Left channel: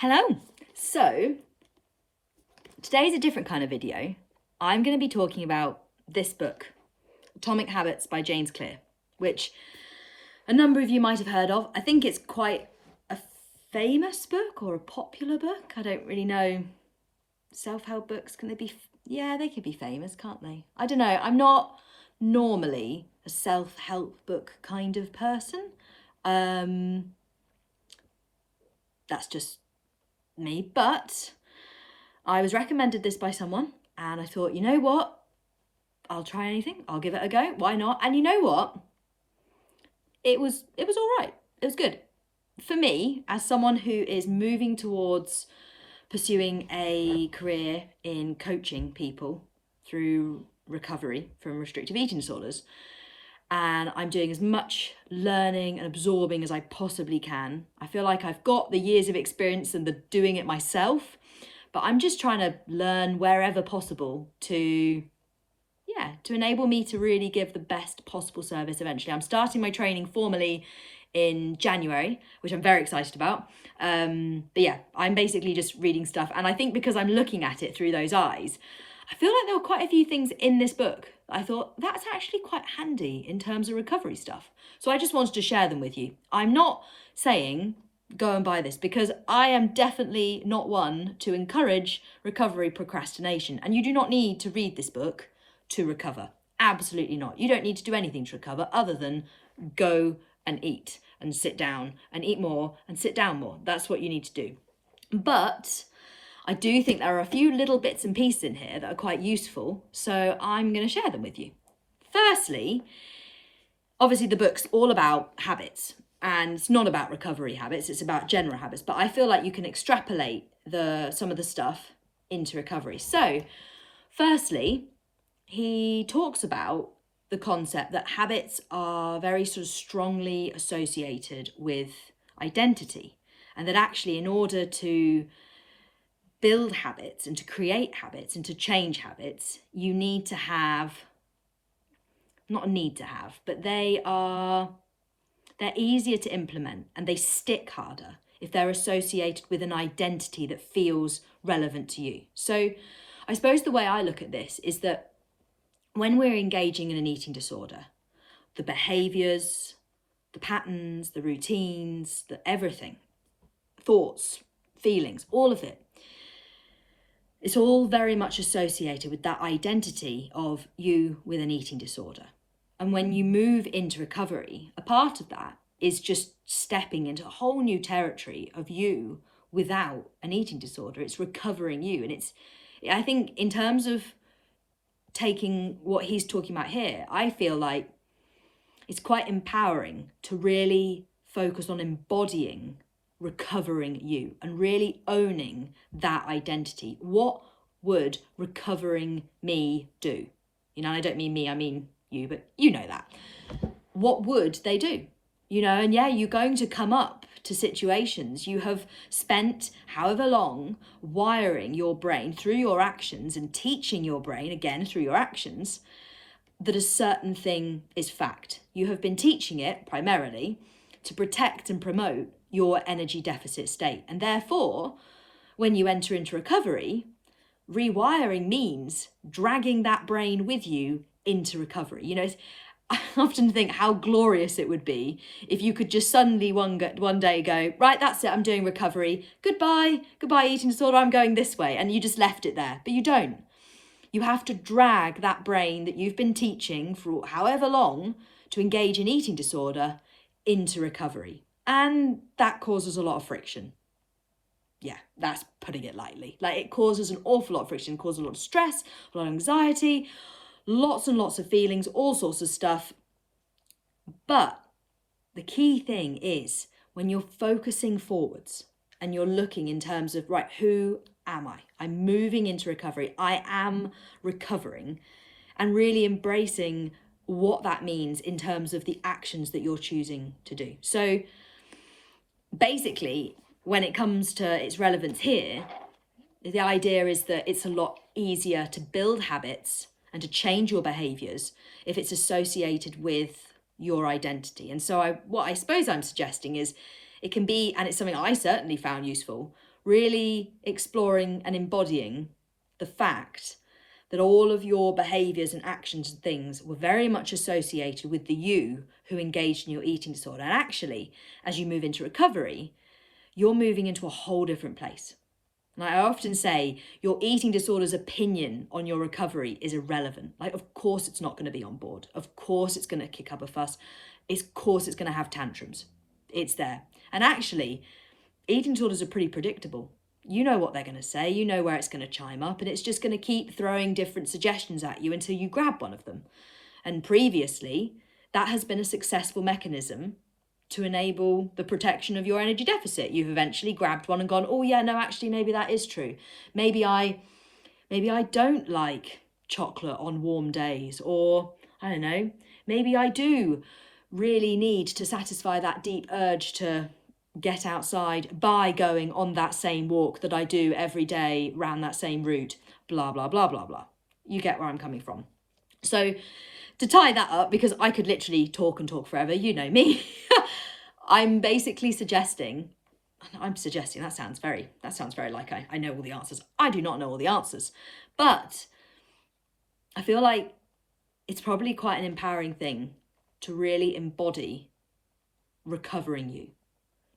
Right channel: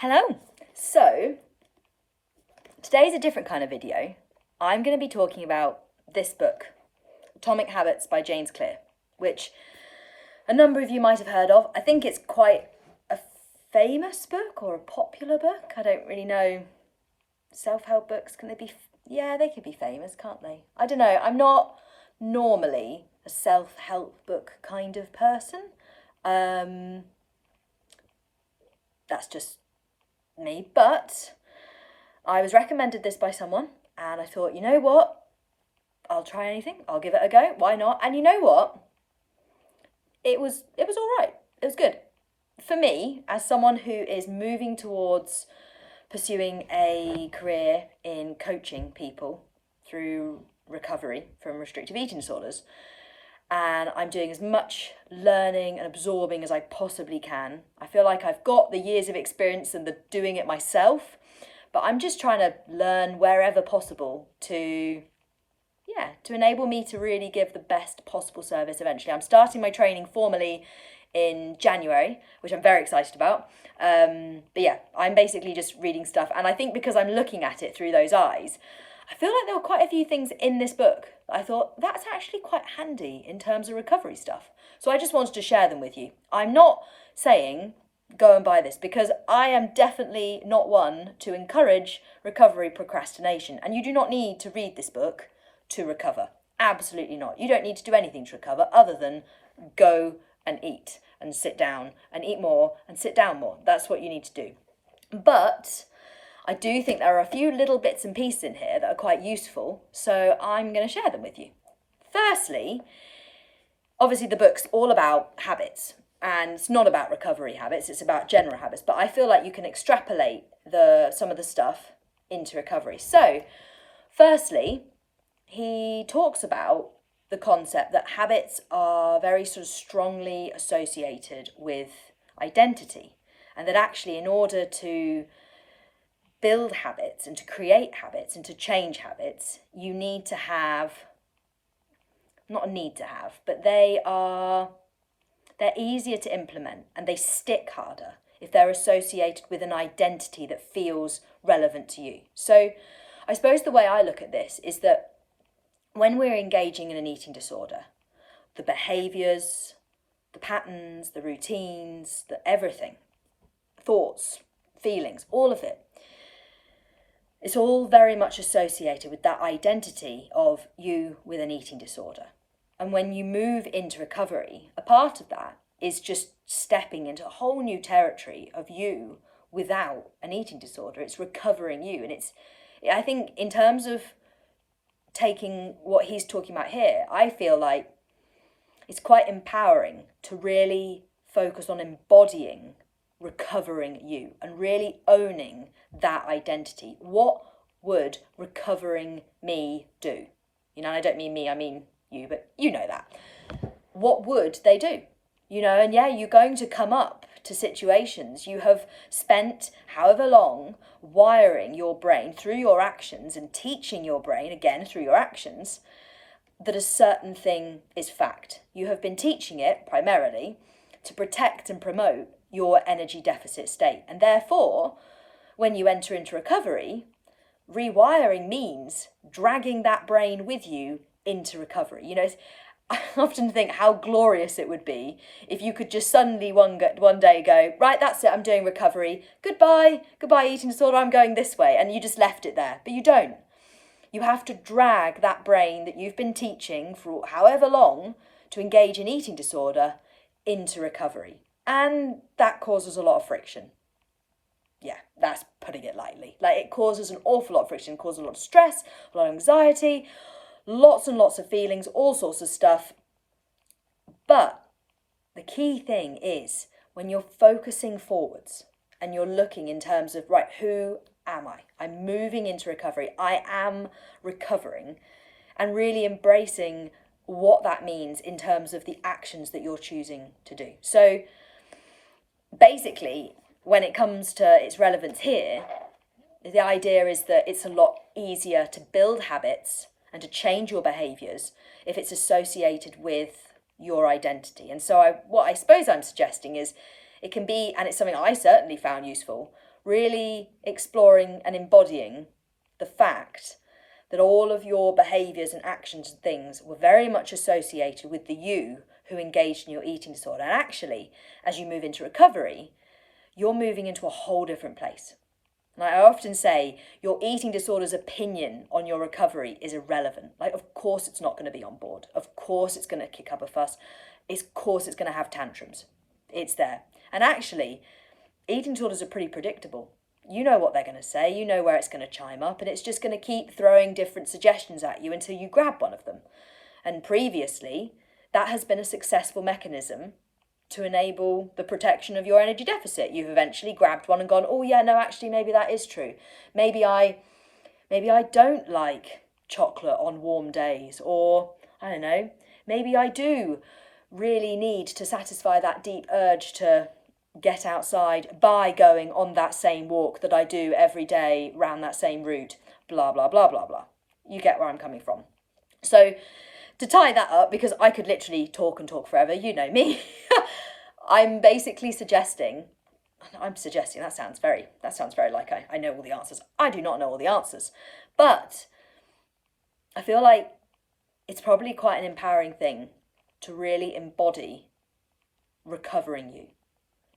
Hello. So today's a different kind of video. I'm going to be talking about this book, Atomic Habits by James Clear, which a number of you might have heard of. I think it's quite a famous book or a popular book. I don't really know. Self-help books, can they be? Yeah, they could be famous, can't they? I don't know. I'm not normally a self-help book kind of person. That's just me, but I was recommended this by someone and I thought, you know what, I'll try anything, I'll give it a go, why not? And you know what, it was all right, it was good for me as someone who is moving towards pursuing a career in coaching people through recovery from restrictive eating disorders. And I'm doing as much learning and absorbing as I possibly can. I feel like I've got the years of experience and the doing it myself, but I'm just trying to learn wherever possible to enable me to really give the best possible service eventually. I'm starting my training formally in January, which I'm very excited about. But yeah, I'm basically just reading stuff. And I think because I'm looking at it through those eyes, I feel like there were quite a few things in this book that I thought that's actually quite handy in terms of recovery stuff. So I just wanted to share them with you. I'm not saying go and buy this because I am definitely not one to encourage recovery procrastination. And you do not need to read this book to recover. Absolutely not. You don't need to do anything to recover other than go and eat and sit down and eat more and sit down more. That's what you need to do. But I do think there are a few little bits and pieces in here that are quite useful, so I'm going to share them with you. Firstly, obviously the book's all about habits, and it's not about recovery habits, it's about general habits, but I feel like you can extrapolate some of the stuff into recovery. So, firstly, he talks about the concept that habits are very sort of strongly associated with identity, and that actually in order to build habits and to create habits and to change habits, you need to have, not a need to have, but they're easier to implement and they stick harder if they're associated with an identity that feels relevant to you. So I suppose the way I look at this is that when we're engaging in an eating disorder, the behaviours, the patterns, the routines, the everything, thoughts, feelings, all of it, it's all very much associated with that identity of you with an eating disorder. And when you move into recovery, a part of that is just stepping into a whole new territory of you without an eating disorder. It's recovering you. And I think in terms of taking what he's talking about here, I feel like it's quite empowering to really focus on embodying recovering you and really owning that identity. What would recovering me do? You know, I don't mean me, I mean you, but you know that. What would they do? You know, and yeah, you're going to come up to situations. You have spent however long wiring your brain through your actions and teaching your brain, again, through your actions, that a certain thing is fact. You have been teaching it primarily to protect and promote your energy deficit state. And therefore, when you enter into recovery, rewiring means dragging that brain with you into recovery. You know, I often think how glorious it would be if you could just suddenly one day go, right, that's it, I'm doing recovery. Goodbye eating disorder, I'm going this way. And you just left it there, but you don't. You have to drag that brain that you've been teaching for however long to engage in eating disorder into recovery. And that causes a lot of friction. Yeah, that's putting it lightly. Like, it causes an awful lot of friction, causes a lot of stress, a lot of anxiety, lots and lots of feelings, all sorts of stuff. But the key thing is when you're focusing forwards and you're looking in terms of, right, who am I? I'm moving into recovery. I am recovering, and really embracing what that means in terms of the actions that you're choosing to do. So basically, when it comes to its relevance here, the idea is that it's a lot easier to build habits and to change your behaviours if it's associated with your identity. And so what I suppose I'm suggesting is it can be, and it's something I certainly found useful, really exploring and embodying the fact that all of your behaviours and actions and things were very much associated with the you who engaged in your eating disorder. And actually, as you move into recovery, you're moving into a whole different place. And I often say your eating disorder's opinion on your recovery is irrelevant. Like, of course it's not going to be on board. Of course it's going to kick up a fuss. Of course it's going to have tantrums. It's there. And actually, eating disorders are pretty predictable. You know what they're going to say. You know where it's going to chime up. And it's just going to keep throwing different suggestions at you until you grab one of them. And previously, that has been a successful mechanism to enable the protection of your energy deficit. You've eventually grabbed one and gone, oh yeah, no, actually, maybe that is true. Maybe I don't like chocolate on warm days, or I don't know, maybe I do really need to satisfy that deep urge to get outside by going on that same walk that I do every day round that same route, blah, blah, blah, blah, blah. You get where I'm coming from. So to tie that up, because I could literally talk and talk forever, you know me, I'm basically suggesting, that sounds very like I know all the answers. I do not know all the answers, but I feel like it's probably quite an empowering thing to really embody recovering you,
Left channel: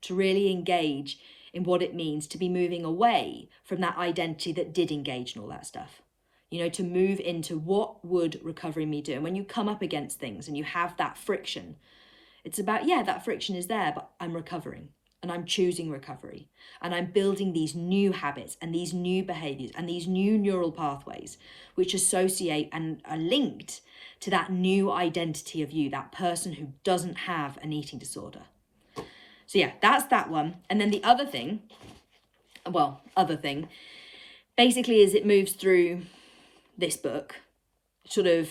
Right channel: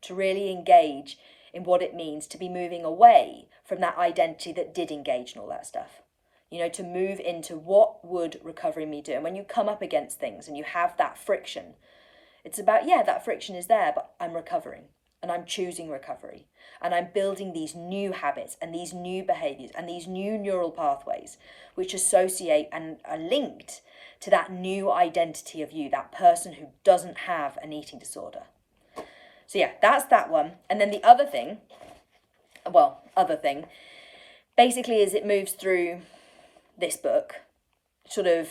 to really engage in what it means to be moving away from that identity that did engage in all that stuff. You know, to move into what would recovery me do? And when you come up against things and you have that friction, it's about, yeah, that friction is there, but I'm recovering and I'm choosing recovery and I'm building these new habits and these new behaviors and these new neural pathways which associate and are linked to that new identity of you, that person who doesn't have an eating disorder. So yeah, that's that one. And then the other thing, basically as it moves through this book, sort of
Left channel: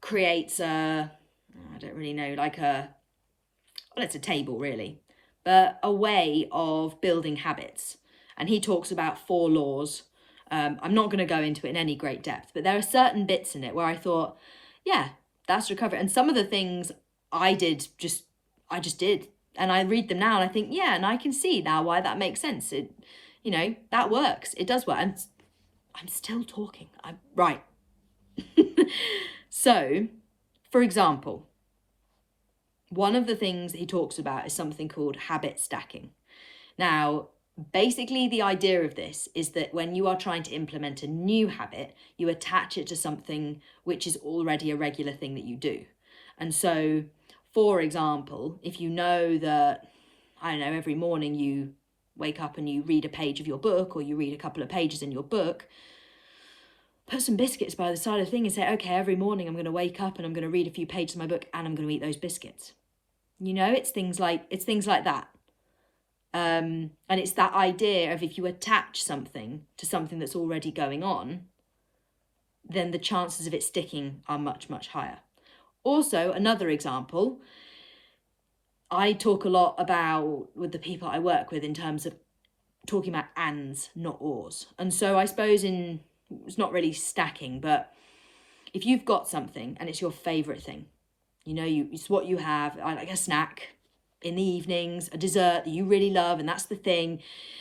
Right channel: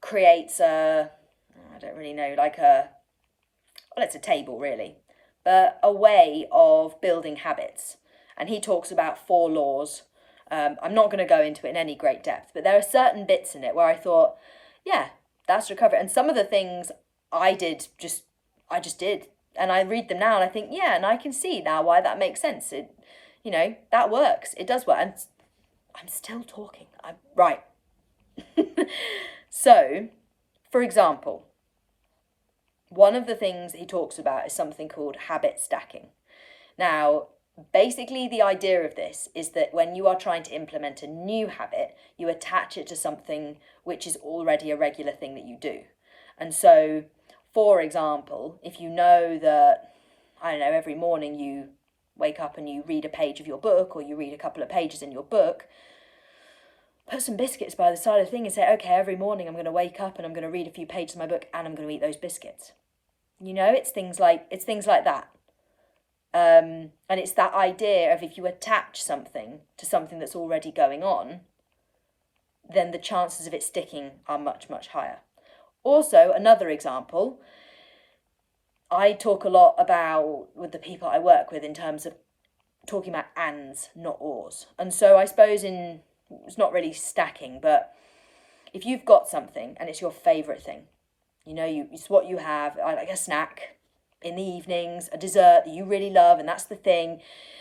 creates it's a table really, but a way of building habits. And he talks about 4 laws. I'm not going to go into it in any great depth, but there are certain bits in it where I thought, yeah, that's recovery. And some of the things I just did. And I read them now and I think, yeah, and I can see now why that makes sense. It, that works. It does work. And I'm still talking. Right. So, for example, one of the things he talks about is something called habit stacking. Now, basically the idea of this is that when you are trying to implement a new habit, you attach it to something which is already a regular thing that you do. And so, for example, if you know that, every morning you wake up and you read a page of your book, or you read a couple of pages in your book, put some biscuits by the side of the thing and say, okay, every morning I'm going to wake up and I'm going to read a few pages of my book and I'm going to eat those biscuits. It's things like that. And it's that idea of if you attach something to something that's already going on, then the chances of it sticking are much, much higher. Also, another example, I talk a lot about with the people I work with in terms of talking about ands, not ors. And so I suppose it's not really stacking, but if you've got something and it's your favourite thing, it's what you have, like a snack in the evenings, a dessert that you really love, and that's the thing.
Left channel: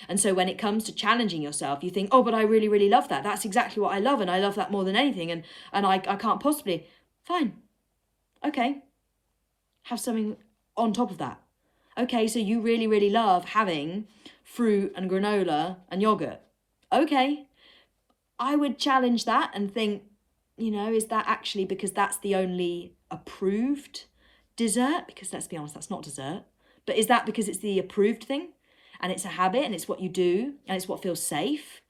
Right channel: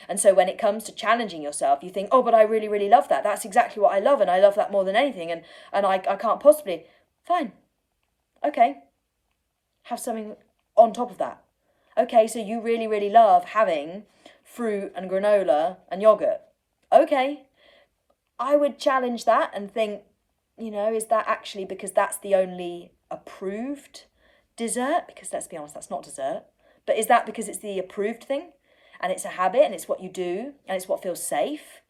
And so when it comes to challenging yourself, you think, oh, but I really, really love that. That's exactly what I love, and I love that more than anything, and I can't possibly. Fine. Okay. Have something on top of that. Okay, so you really, really love having fruit and granola and yogurt. Okay. I would challenge that and think, is that actually because that's the only approved dessert? Because let's be honest, that's not dessert. But is that because it's the approved thing and it's a habit and it's what you do and it's what feels safe?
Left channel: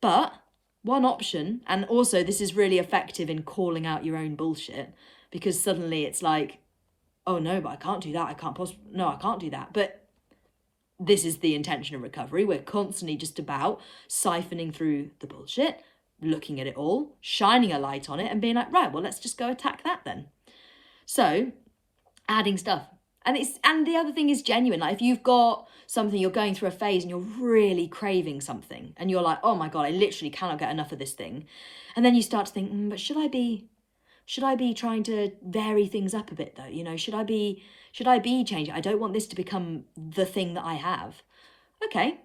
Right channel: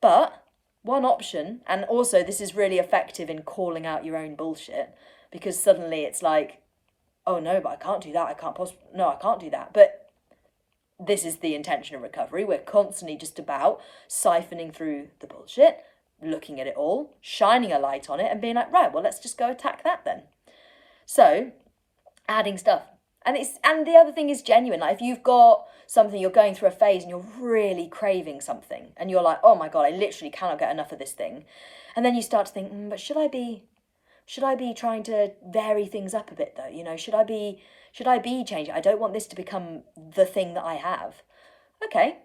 But one option, and also this is really effective in calling out your own bullshit, because suddenly it's like, oh no, but I can't do that. I can't do that. But this is the intention of recovery. We're constantly just about siphoning through the bullshit, looking at it all, shining a light on it and being like, right, well, let's just go attack that then. So adding stuff. And the other thing is genuine. Like if you've got something, you're going through a phase and you're really craving something and you're like, oh my God, I literally cannot get enough of this thing. And then you start to think, but should I be trying to vary things up a bit though? Should I be changing? I don't want this to become the thing that I have. Okay.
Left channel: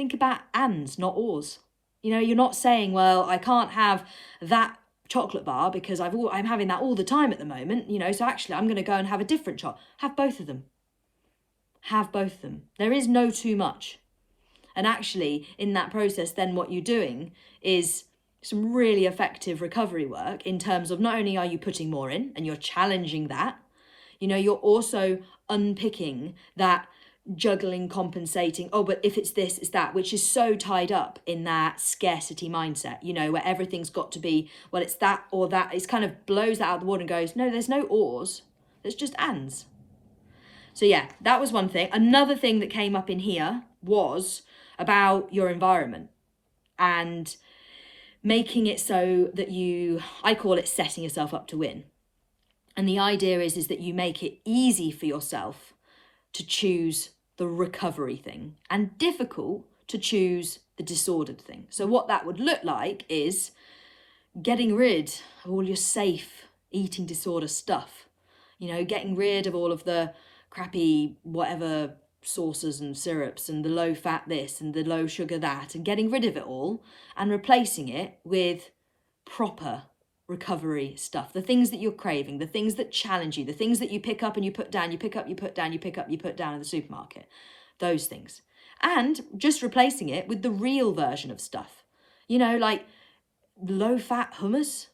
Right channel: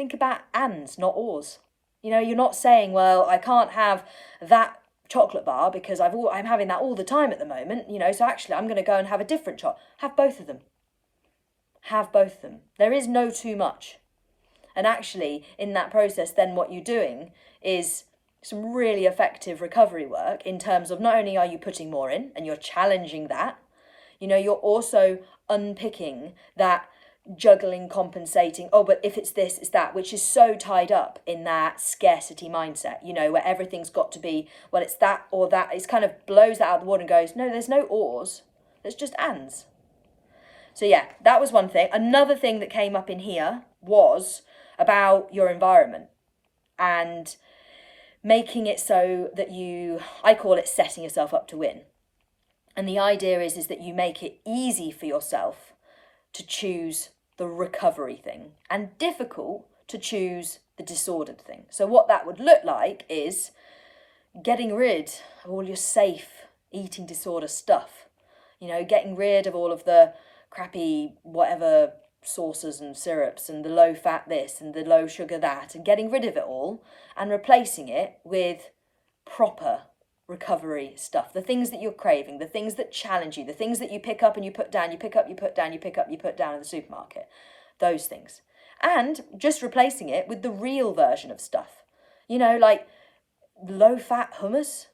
think about ands, not ors. You know, you're not saying, well, I can't have that chocolate bar because I'm having that all the time at the moment, you know, so actually I'm going to go and have a different chocolate. Have both of them. Have both of them. There is no too much. And actually, in that process, then what you're doing is some really effective recovery work in terms of not only are you putting more in and you're challenging that, you know, you're also unpicking that juggling, compensating, oh, but if it's this, it's that, which is so tied up in that scarcity mindset, you know, where everything's got to be, well, it's that or that. It's kind of blows that out of the water and goes, no, there's no ors, there's just ands. So yeah, that was one thing. Another thing that came up in here was about your environment and making it so that I call it setting yourself up to win. And the idea is that you make it easy for yourself to choose the recovery thing and difficult to choose the disordered thing. So what that would look like is getting rid of all your safe eating disorder stuff. You know, getting rid of all of the crappy whatever sauces and syrups and the low fat this and the low sugar that, and getting rid of it all and replacing it with proper recovery stuff, the things that you're craving, the things that challenge you, the things that you pick up and you put down, you pick up, you put down, you pick up, you put down in the supermarket, those things. And just replacing it with the real version of stuff, you know, like low fat hummus.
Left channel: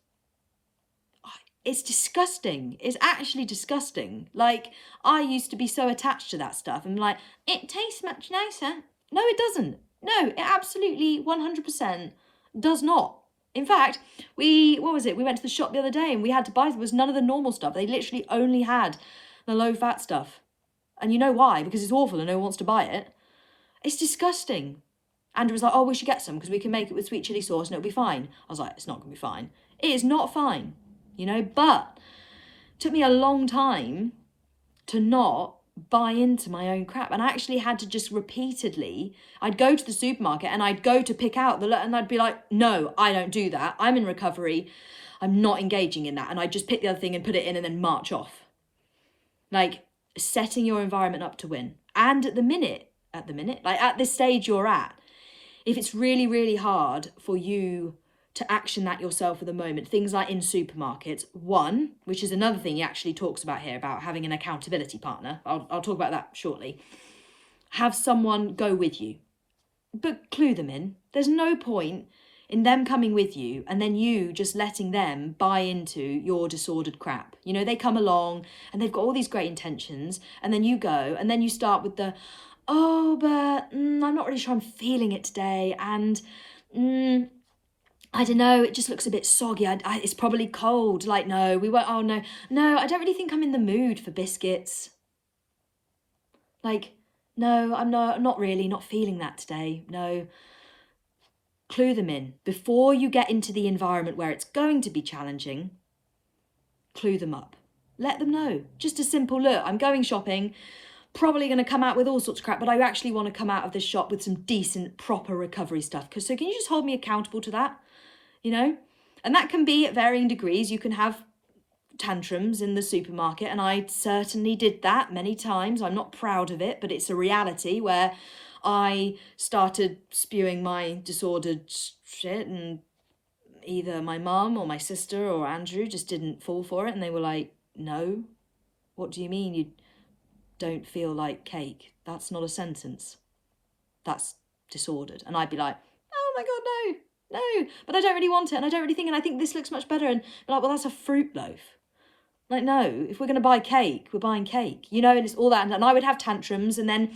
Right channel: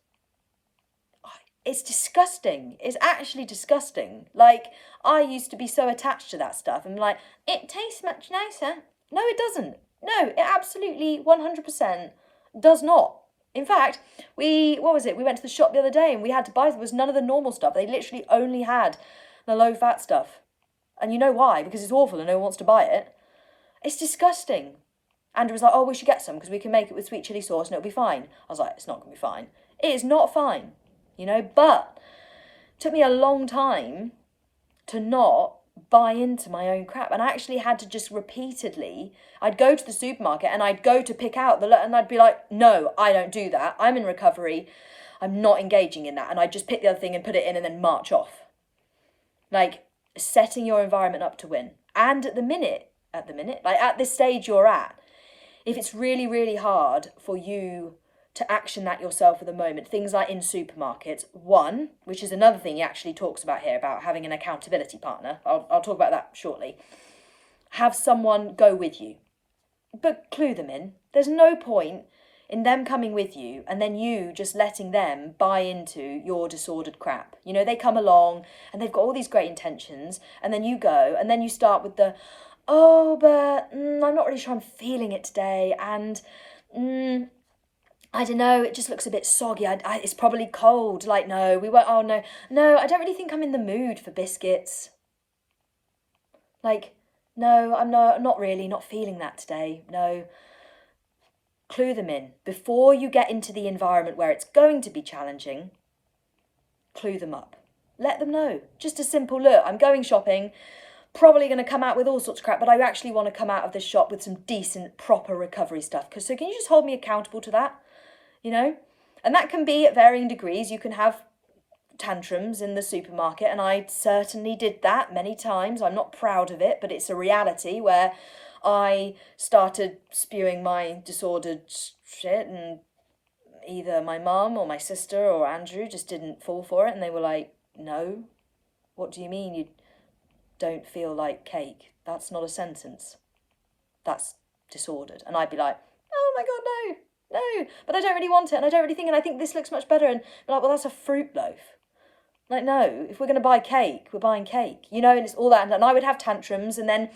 It's disgusting. It's actually disgusting. Like, I used to be so attached to that stuff and like, it tastes much nicer. No, it doesn't. No, it absolutely 100% does not. In fact, we went to the shop the other day and we had to buy, there was none of the normal stuff. They literally only had the low fat stuff. And you know why? Because it's awful and no one wants to buy it. It's disgusting. Andrew was like, oh, we should get some because we can make it with sweet chili sauce and it'll be fine. I was like, it's not going to be fine. It is not fine. You know, but it took me a long time to not buy into my own crap. And I actually had to just repeatedly, I'd go to the supermarket and I'd go to pick out and I'd be like, no, I don't do that. I'm in recovery. I'm not engaging in that. And I'd just pick the other thing and put it in and then march off. Like setting your environment up to win. And at this stage you're at, if it's really, really hard for you to action that yourself at the moment, things like in supermarkets, one, which is another thing he actually talks about here, about having an accountability partner. I'll talk about that shortly. Have someone go with you, but clue them in. There's no point in them coming with you and then you just letting them buy into your disordered crap. You know, they come along and they've got all these great intentions and then you go and then you start with the, oh, but I'm not really sure I'm feeling it today, and I don't know, it just looks a bit soggy. It's probably cold. Like, no, we won't. Oh, no, I don't really think I'm in the mood for biscuits. Like, no, I'm not really, not feeling that today. No. Clue them in. Before you get into the environment where it's going to be challenging, clue them up. Let them know. Just a simple look. I'm going shopping, probably going to come out with all sorts of crap, but I actually want to come out of this shop with some decent, proper recovery stuff. So can you just hold me accountable to that? You know, and that can be at varying degrees. You can have tantrums in the supermarket, and I certainly did that many times. I'm not proud of it, but it's a reality where I started spewing my disordered shit, and either my mum or my sister or Andrew just didn't fall for it, and they were like, no, what do you mean you don't feel like cake? That's not a sentence. That's disordered. And I'd be like, oh my God, no, but I don't really want it, and I don't really think, and I think this looks much better, and like, well, that's a fruit loaf. Like, no, if we're going to buy cake, we're buying cake, you know, and it's all that, and I would have tantrums, and then,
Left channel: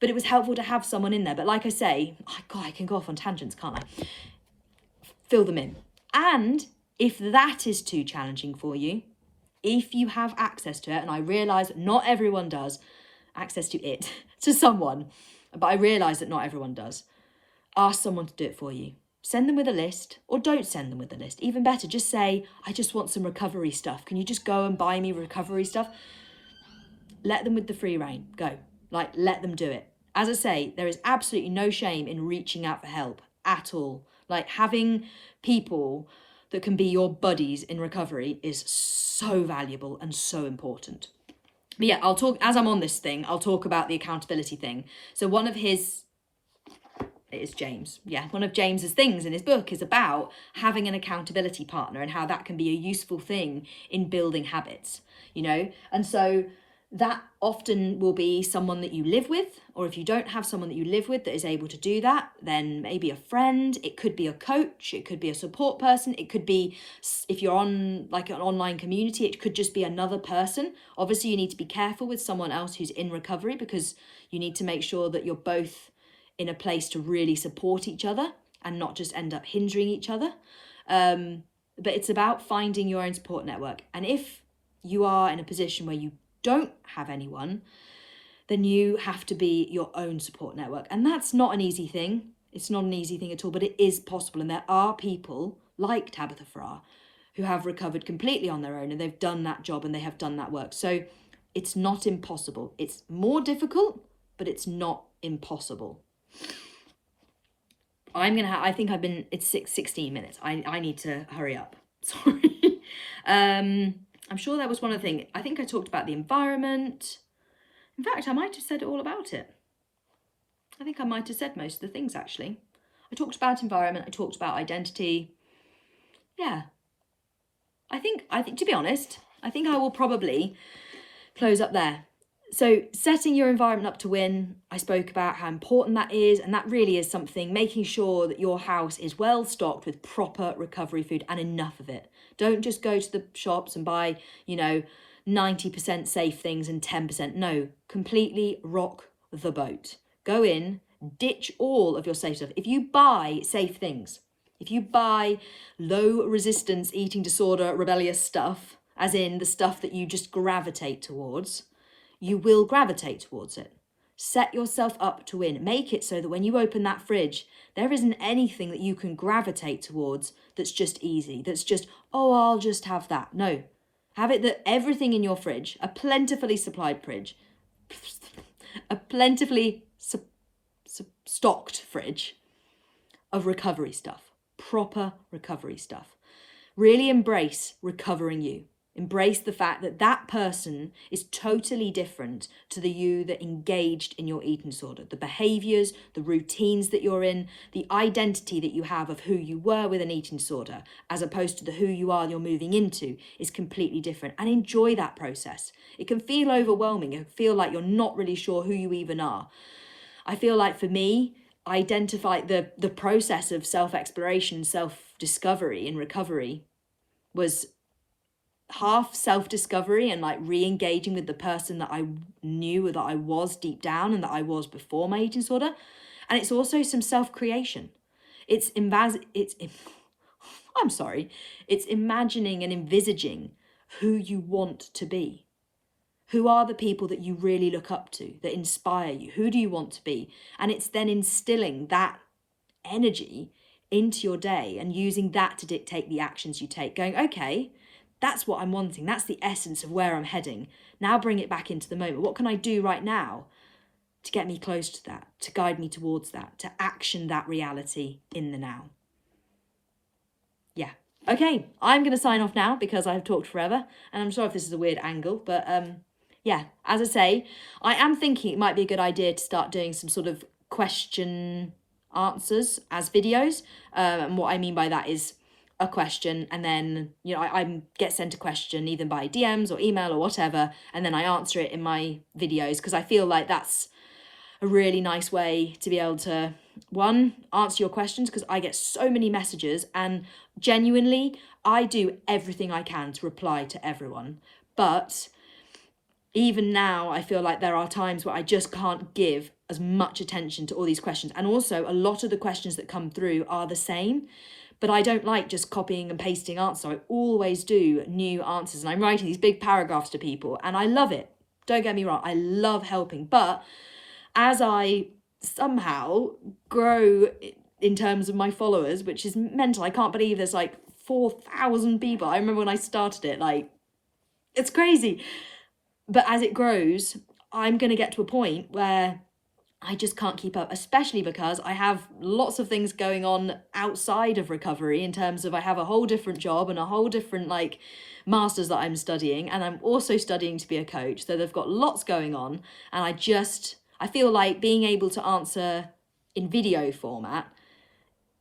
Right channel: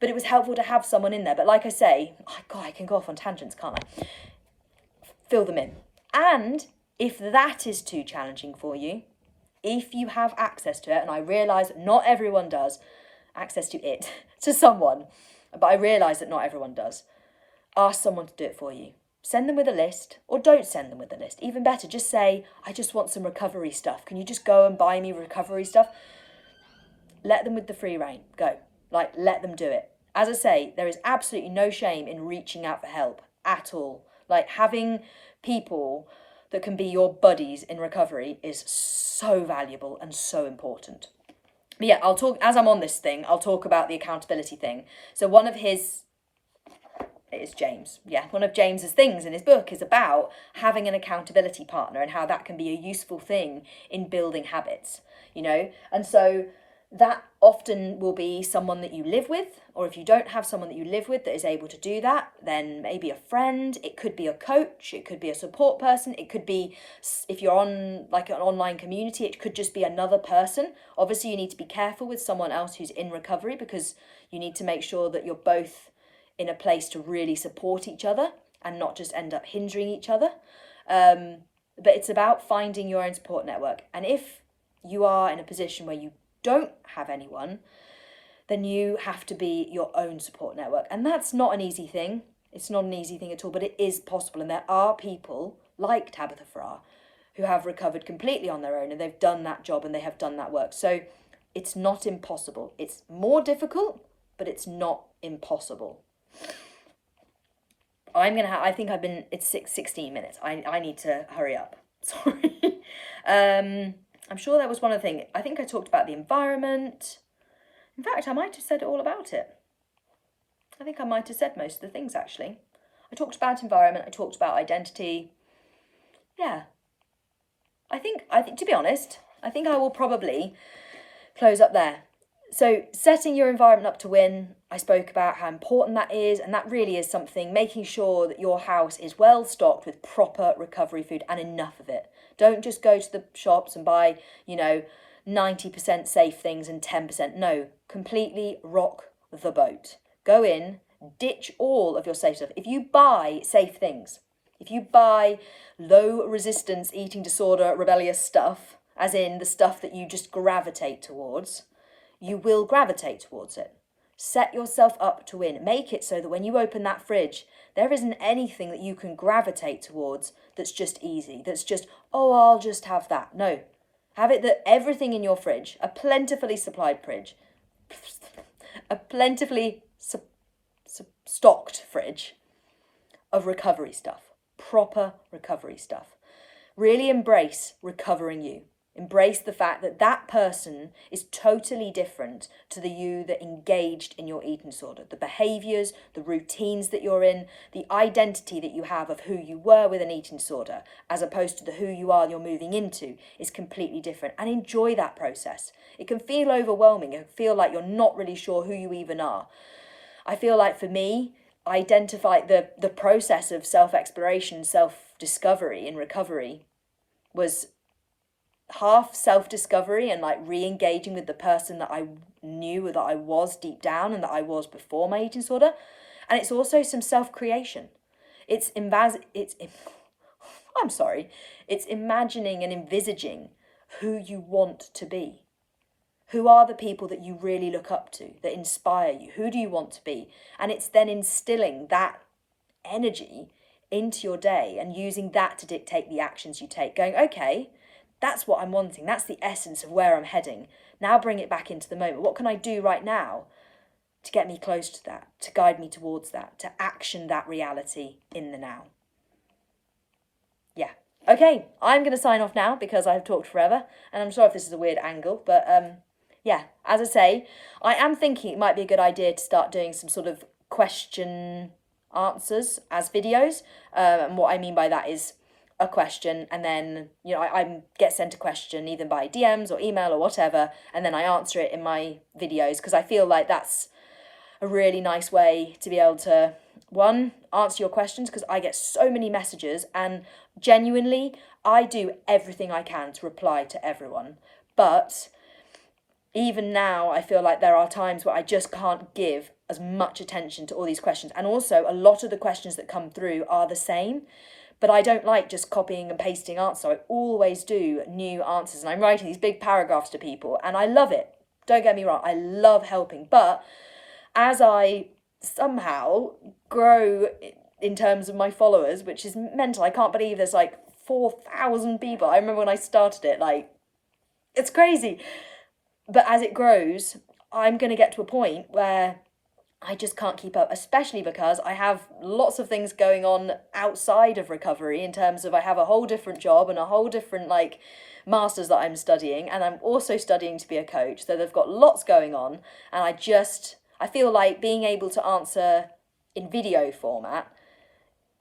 but it was helpful to have someone in there. But like I say, God, I can go off on tangents, can't I? Fill them in. And if that is too challenging for you, if you have access to it, and I realise that not everyone does, access to it, to someone, but I realise that not everyone does, ask someone to do it for you. Send them with a list, or don't send them with a list. Even better, just say, I just want some recovery stuff. Can you just go and buy me recovery stuff? Let them with the free rein. Go. Like, let them do it. As I say, there is absolutely no shame in reaching out for help at all. Like, having people that can be your buddies in recovery is so valuable and so important. But yeah, I'll talk, as I'm on this thing, I'll talk about the accountability thing. So one of his It is James. Yeah, one of James's things in his book is about having an accountability partner and how that can be a useful thing in building habits, And so that often will be someone that you live with, or if you don't have someone that you live with that is able to do that, then maybe a friend, it could be a coach, it could be a support person, it could be, if you're on like an online community, it could just be another person. Obviously, you need to be careful with someone else who's in recovery, because you need to make sure that you're both in a place to really support each other and not just end up hindering each other. But it's about finding your own support network. And if you are in a position where you don't have anyone, then you have to be your own support network. And that's not an easy thing. It's not an easy thing at all, but it is possible. And there are people like Tabitha Farrar who have recovered completely on their own, and they've done that job and they have done that work. So it's not impossible. It's more difficult, but it's not impossible. It's 16 minutes. I need to hurry up. Sorry. I'm sure there was one other thing. I think I talked about the environment. In fact, I might have said all about it. I think I might have said most of the things, actually. I talked about environment. I talked about identity. Yeah. I think, to be honest, I think I will probably close up there. So setting your environment up to win, I spoke about how important that is, and that really is something, making sure that your house is well stocked with proper recovery food and enough of it. Don't just go to the shops and buy, 90% safe things and 10%. No, completely rock the boat. Go in, ditch all of your safe stuff. If you buy safe things, if you buy low resistance eating disorder, rebellious stuff, as in the stuff that you just gravitate towards, you will gravitate towards it. Set yourself up to win. Make it so that when you open that fridge, there isn't anything that you can gravitate towards that's just easy, that's just, oh, I'll just have that. No. Have it that everything in your fridge, a plentifully supplied fridge, a plentifully stocked fridge of recovery stuff, proper recovery stuff. Really embrace recovering you. Embrace the fact that that person is totally different to the you that engaged in your eating disorder. The behaviours, the routines that you're in, the identity that you have of who you were with an eating disorder, as opposed to the who you are you're moving into, is completely different. And enjoy that process. It can feel overwhelming. It can feel like you're not really sure who you even are. I feel like for me, identify the process of self-exploration, self-discovery in recovery was half self-discovery and like re-engaging with the person that I knew that I was deep down and that I was before my eating disorder. And it's also some self-creation. It's imagining and envisaging who you want to be. Who are the people that you really look up to, that inspire you? Who do you want to be? And it's then instilling that energy into your day and using that to dictate the actions you take, going, okay, that's what I'm wanting. That's the essence of where I'm heading. Now bring it back into the moment. What can I do right now to get me close to that, to guide me towards that, to action that reality in the now? Yeah. Okay, I'm going to sign off now because I've talked forever. And I'm sorry if this is a weird angle, but yeah, as I say, I am thinking it might be a good idea to start doing some sort of question answers as videos. And what I mean by that is a question, and then I get sent a question either by DMs or email or whatever, and then I answer it in my videos, because I feel like that's a really nice way to be able to, one, answer your questions, because I get so many messages, and genuinely I do everything I can to reply to everyone, but even now I feel like there are times where I just can't give as much attention to all these questions, and also a lot of the questions that come through are the same. But I don't like just copying and pasting answers. So I always do new answers. And I'm writing these big paragraphs to people. And I love it. Don't get me wrong. I love helping. But as I somehow grow in terms of my followers, which is mental. I can't believe there's like 4,000 people. I remember when I started it, like, it's crazy. But as it grows, I'm going to get to a point where I just can't keep up, especially because I have lots of things going on outside of recovery, in terms of I have a whole different job and a whole different like masters that I'm studying, and I'm also studying to be a coach. So they've got lots going on, and I feel like being able to answer in video format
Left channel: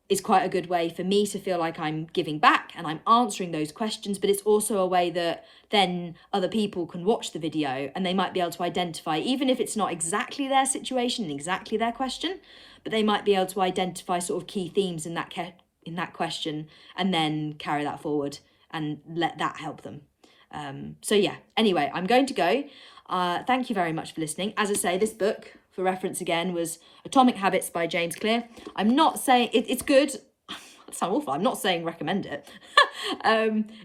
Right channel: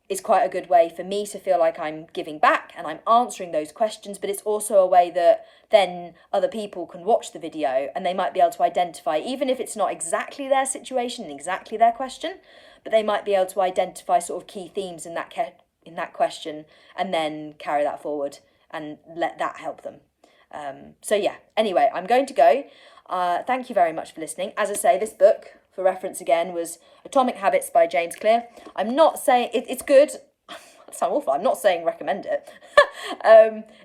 is quite a good way for me to feel like I'm giving back and I'm answering those questions, but it's also a way that then other people can watch the video and they might be able to identify, even if it's not exactly their situation and exactly their question, but they might be able to identify sort of key themes in that question and then carry that forward and let that help them. So yeah, anyway, I'm going to go. Thank you very much for listening. As I say, this book, for reference again, was Atomic Habits by James Clear. I'm not saying it's good. That sounds awful. I'm not saying recommend it.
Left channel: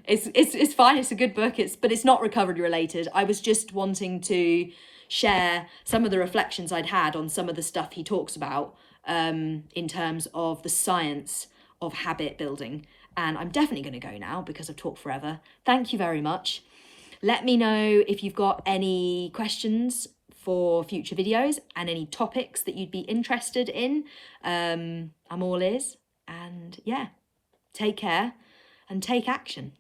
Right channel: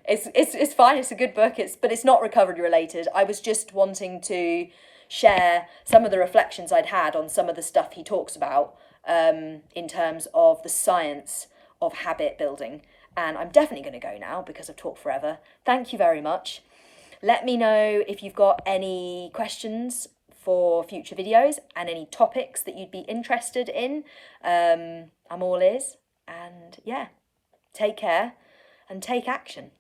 It's fine. It's a good book. But it's not recovery related. I was just wanting to share some of the reflections I'd had on some of the stuff he talks about in terms of the science of habit building. And I'm definitely going to go now because I've talked forever. Thank you very much. Let me know if you've got any questions for future videos and any topics that you'd be interested in. I'm all ears. And yeah, take care and take action.